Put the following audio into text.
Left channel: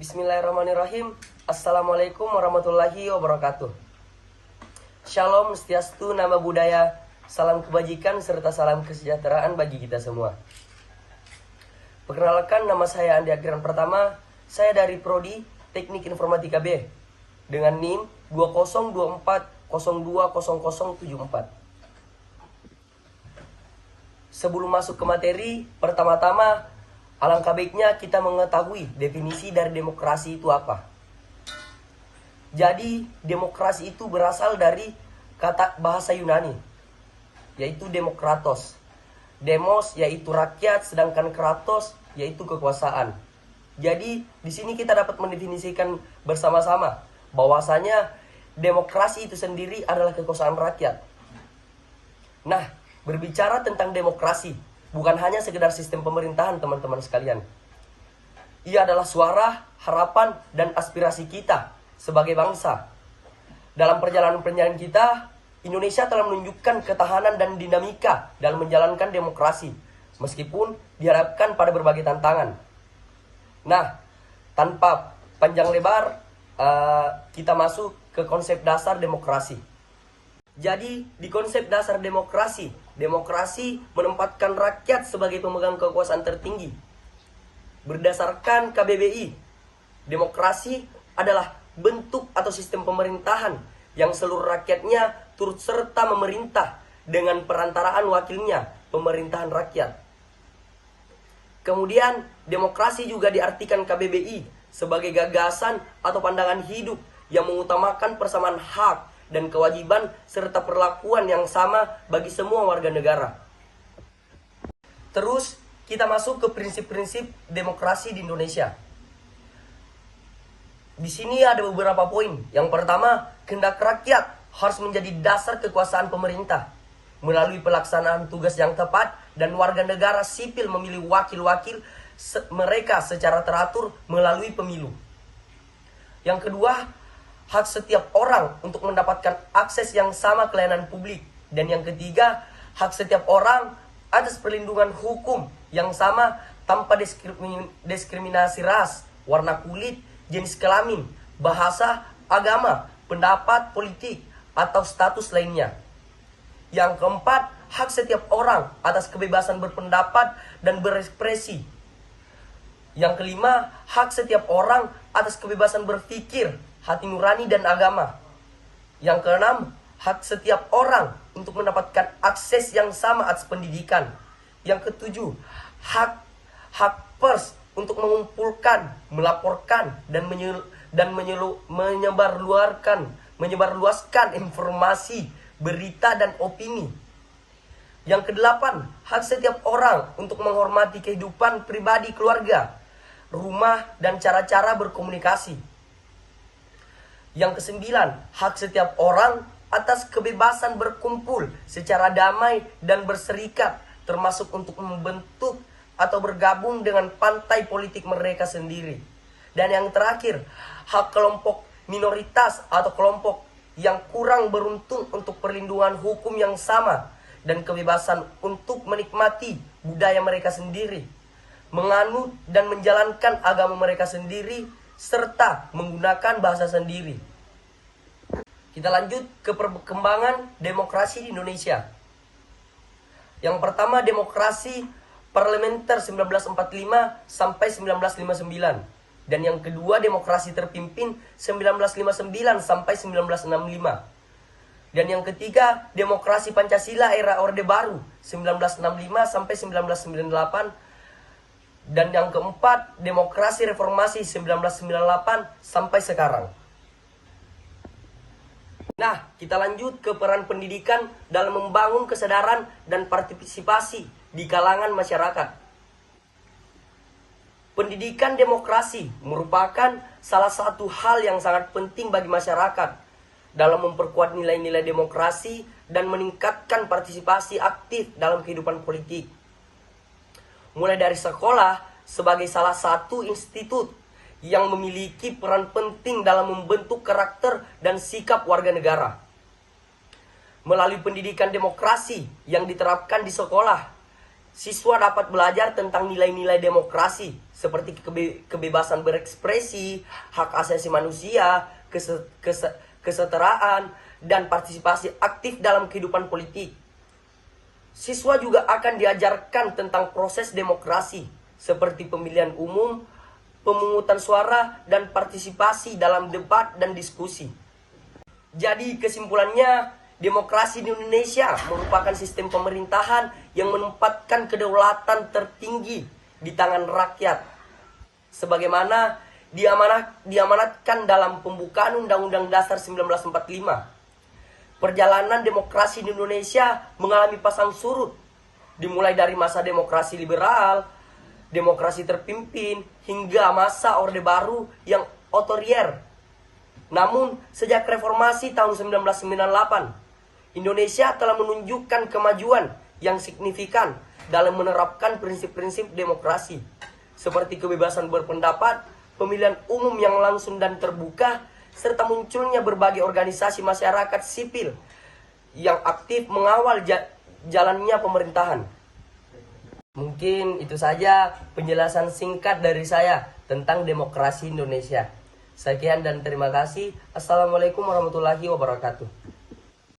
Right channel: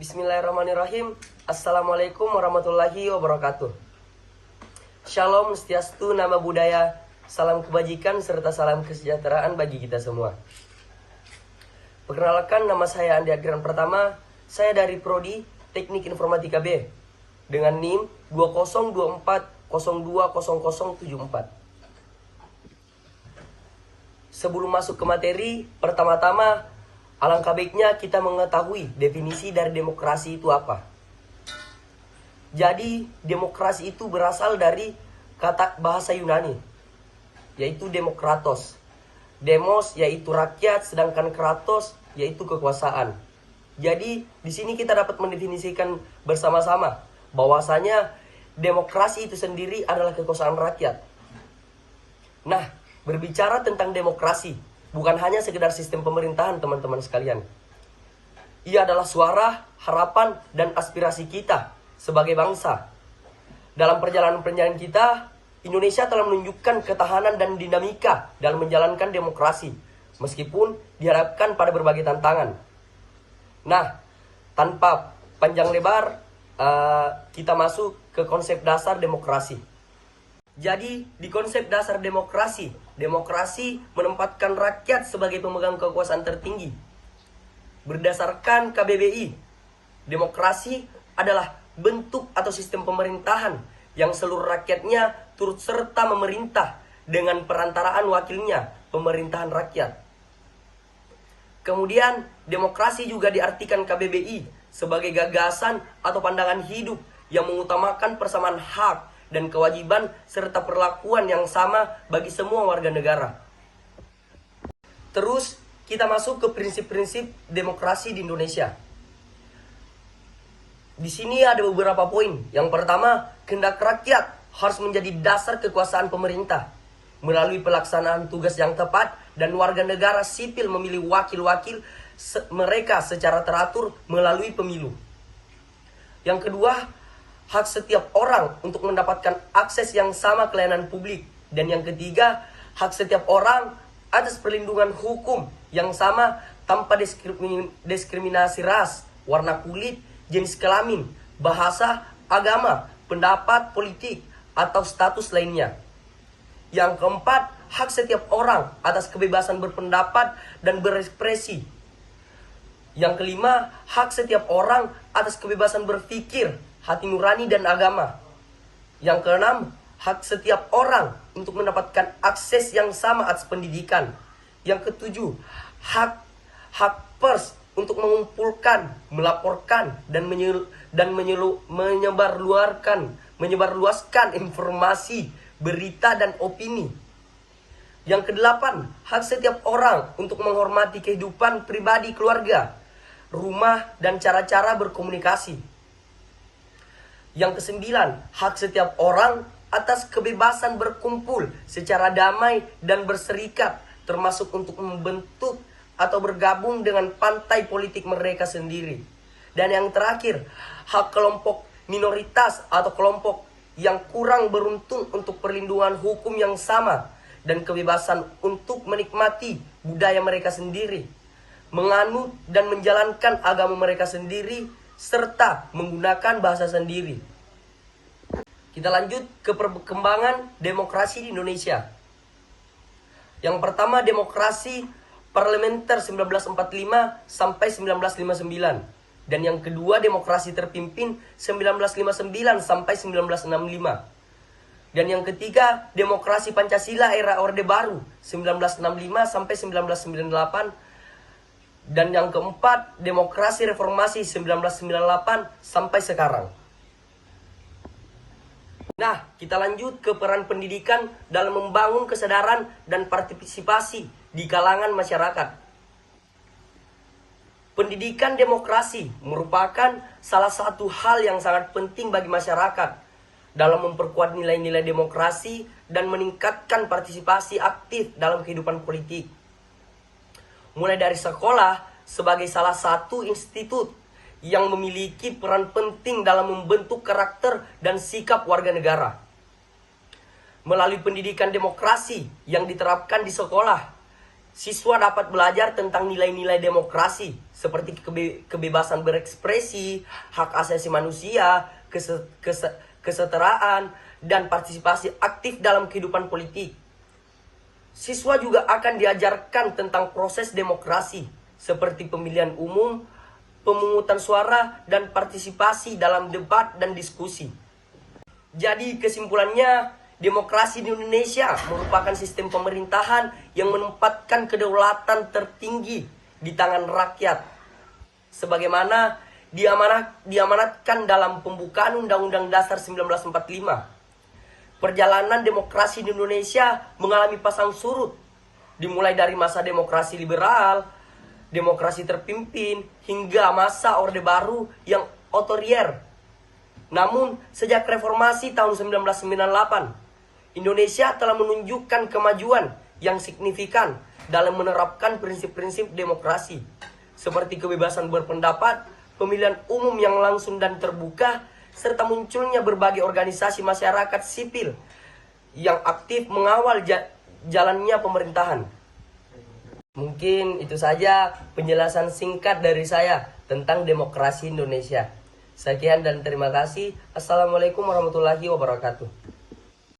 Bismillahirrahmanirrahim. Assalamualaikum warahmatullahi wabarakatuh. Shalom, Swastiastu, nama budaya, salam kebajikan serta salam kesejahteraan bagi kita semua. Perkenalkan, nama saya Andi Agran Pertama. Saya dari Prodi Teknik Informatika B dengan NIM 2024020074. Sebelum masuk ke materi, pertama-tama alangkah baiknya kita mengetahui definisi dari demokrasi itu apa. Jadi, demokrasi itu berasal dari kata bahasa Yunani, yaitu demokratos. Demos yaitu rakyat, sedangkan kratos yaitu kekuasaan. Jadi, di sini kita dapat mendefinisikan bersama-sama bahwasanya demokrasi itu sendiri adalah kekuasaan rakyat. Nah, berbicara tentang demokrasi, bukan hanya sekedar sistem pemerintahan, teman-teman sekalian. Ia adalah suara, harapan, dan aspirasi kita sebagai bangsa. Dalam perjalanan kita, Indonesia telah menunjukkan ketahanan dan dinamika dalam menjalankan demokrasi, meskipun dihadapkan pada berbagai tantangan. Nah, tanpa panjang lebar, kita masuk ke konsep dasar demokrasi. Jadi, di konsep dasar demokrasi menempatkan rakyat sebagai pemegang kekuasaan tertinggi. Berdasarkan KBBI, demokrasi adalah bentuk atau sistem pemerintahan yang seluruh rakyatnya turut serta memerintah dengan perantaraan wakilnya, pemerintahan rakyat. Kemudian, demokrasi juga diartikan KBBI sebagai gagasan atau pandangan hidup yang mengutamakan persamaan hak dan kewajiban serta perlakuan yang sama bagi semua warga negara. Terus kita masuk ke prinsip-prinsip demokrasi di Indonesia. Di sini ada beberapa poin. Yang pertama, kehendak rakyat harus menjadi dasar kekuasaan pemerintah melalui pelaksanaan tugas yang tepat, dan warga negara sipil memilih wakil-wakil mereka secara teratur melalui pemilu. Yang kedua, hak setiap orang untuk mendapatkan akses yang sama ke layanan publik. Dan yang ketiga, hak setiap orang atas perlindungan hukum yang sama tanpa diskriminasi ras, warna kulit, jenis kelamin, bahasa, agama, pendapat politik, atau status lainnya. Yang keempat, hak setiap orang atas kebebasan berpendapat dan berekspresi. Yang kelima, hak setiap orang atas kebebasan berpikir, hati nurani dan agama. Yang keenam, hak setiap orang untuk mendapatkan akses yang sama atas pendidikan. Yang ketujuh, hak pers untuk mengumpulkan, melaporkan dan menyebarluaskan informasi, berita dan opini. Yang kedelapan, hak setiap orang untuk menghormati kehidupan pribadi keluarga, rumah dan cara-cara berkomunikasi. Yang kesembilan, hak setiap orang atas kebebasan berkumpul secara damai dan berserikat, termasuk untuk membentuk atau bergabung dengan partai politik mereka sendiri. Dan yang terakhir, hak kelompok minoritas atau kelompok yang kurang beruntung untuk perlindungan hukum yang sama dan kebebasan untuk menikmati budaya mereka sendiri, menganut dan menjalankan agama mereka sendiri, serta menggunakan bahasa sendiri. Kita lanjut ke perkembangan demokrasi di Indonesia. Yang pertama, demokrasi parlementer 1945 sampai 1959. Dan yang kedua, demokrasi terpimpin 1959 sampai 1965. Dan yang ketiga, demokrasi Pancasila era Orde Baru 1965 sampai 1998. Dan yang keempat, demokrasi reformasi 1998 sampai sekarang. Nah, kita lanjut ke peran pendidikan dalam membangun kesadaran dan partisipasi di kalangan masyarakat. Pendidikan demokrasi merupakan salah satu hal yang sangat penting bagi masyarakat dalam memperkuat nilai-nilai demokrasi dan meningkatkan partisipasi aktif dalam kehidupan politik. Mulai dari sekolah sebagai salah satu institut yang memiliki peran penting dalam membentuk karakter dan sikap warga negara. Melalui pendidikan demokrasi yang diterapkan di sekolah, Siswa dapat belajar tentang nilai-nilai demokrasi seperti kebebasan berekspresi, hak asasi manusia, kesetaraan, dan partisipasi aktif dalam kehidupan politik. Siswa juga akan diajarkan tentang proses demokrasi seperti pemilihan umum, pemungutan suara, dan partisipasi dalam debat dan diskusi. Jadi kesimpulannya, demokrasi di Indonesia merupakan sistem pemerintahan yang menempatkan kedaulatan tertinggi di tangan rakyat. Sebagaimana diamanatkan dalam pembukaan Undang-Undang Dasar 1945. Perjalanan demokrasi di Indonesia mengalami pasang surut, dimulai dari masa demokrasi liberal, demokrasi terpimpin, hingga masa Orde Baru yang otoriter. Namun, sejak reformasi tahun 1998, Indonesia telah menunjukkan kemajuan yang signifikan dalam menerapkan prinsip-prinsip demokrasi, seperti kebebasan berpendapat, pemilihan umum yang langsung dan terbuka, serta munculnya berbagai organisasi masyarakat sipil yang aktif mengawal jalannya pemerintahan. Mungkin itu saja penjelasan singkat dari saya tentang demokrasi Indonesia. Sekian dan terima kasih. Assalamualaikum warahmatullahi wabarakatuh.